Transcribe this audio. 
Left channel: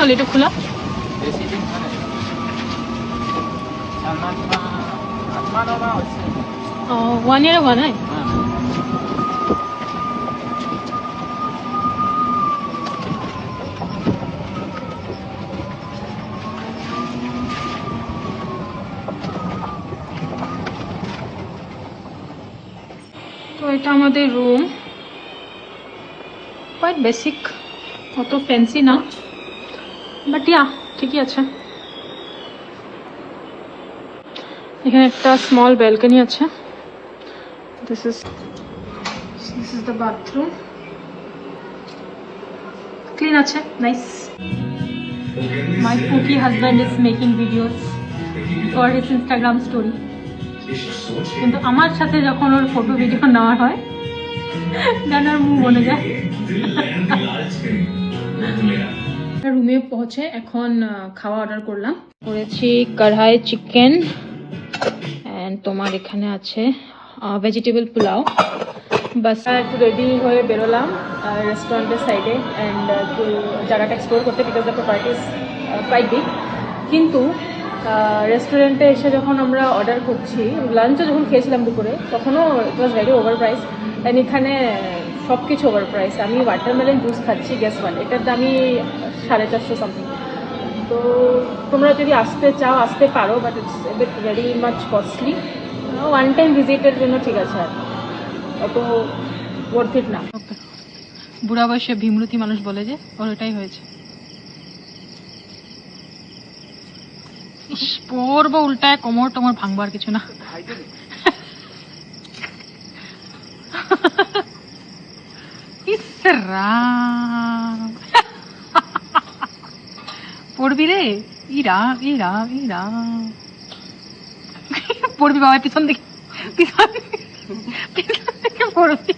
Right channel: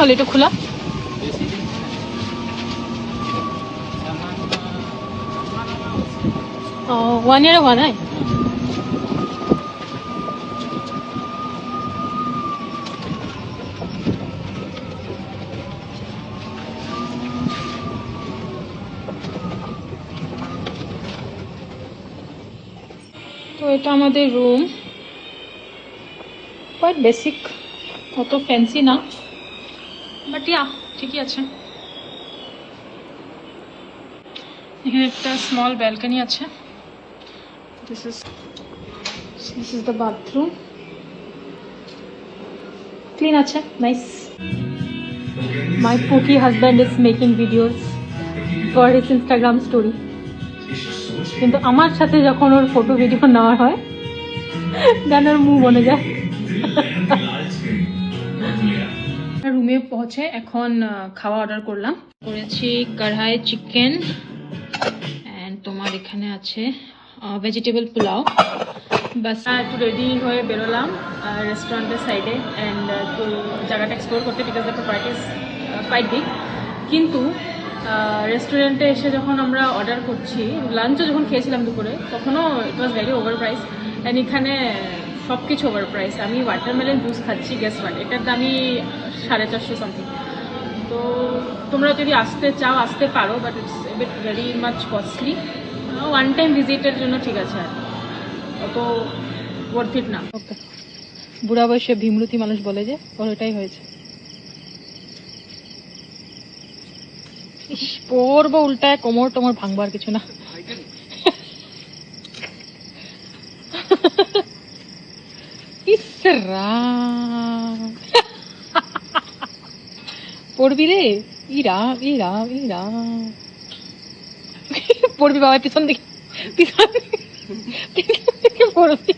হল এটা খোলা? ও 1 year हुआ ना? তো এটা আমাদের রুম, কোয়াইট বেসিক, অত ফ্যান্সি না, বাট ইয়া ঠিকই আছে। এখানে একটা স্মল ব্যালকনি আছে। This is the bathroom. Clean আছে, nice. My pookie husband is making videos for his Instagram story. কিন্তু আমার সাথে যখন ওর ফটো ভিডিও নেওয়া হয় যেন ওর মুখ বনে যায়। রুমে পৌঁছে এখন খাওয়া অর্ডার করলাম, করেছি কড়াই চিকেন অ্যান্ড তোমার এখানে আছে ভেজিটেবল পোলাও। বাস একটু রেডি হয়ে বেরোলাম রেস্টুরেন্টের সাইডে অ্যান্ড একটু জায়গাটা এক্সপ্লোর করতে, because the property is quite big. কিন্তু রেস্টুরেন্টে এসে যখন আমরা অর্ডার করছি, লাঞ্চও যখন খেয়েছিলাম দুপুরে, তখনও it was very over price. And এখানে সব কিছু ওভার প্রাইস। আমি ওয়াটারমেলন জুস খাচ্ছি, গ্যাস ওয়াট, এটার দামই 450 সামথিং। তো তোমরা যদি আসতে চাও আসতে পারো, but it's bit very much costly. One time ভিজিটের জন্য ঠিক আছে, আর অত ওয়ার্থ ইট না। বুড়া বয়সে ভীমরতি মানুষ বলে যে ওর এটাই হয়েছে। পড়বো উল্টায়, কোমর টোমর ভাঙবার কিছু না। পড়বি রে, ইরা ইরা ইরা পড়বি বাবা, পিছন দিকে পড়বি।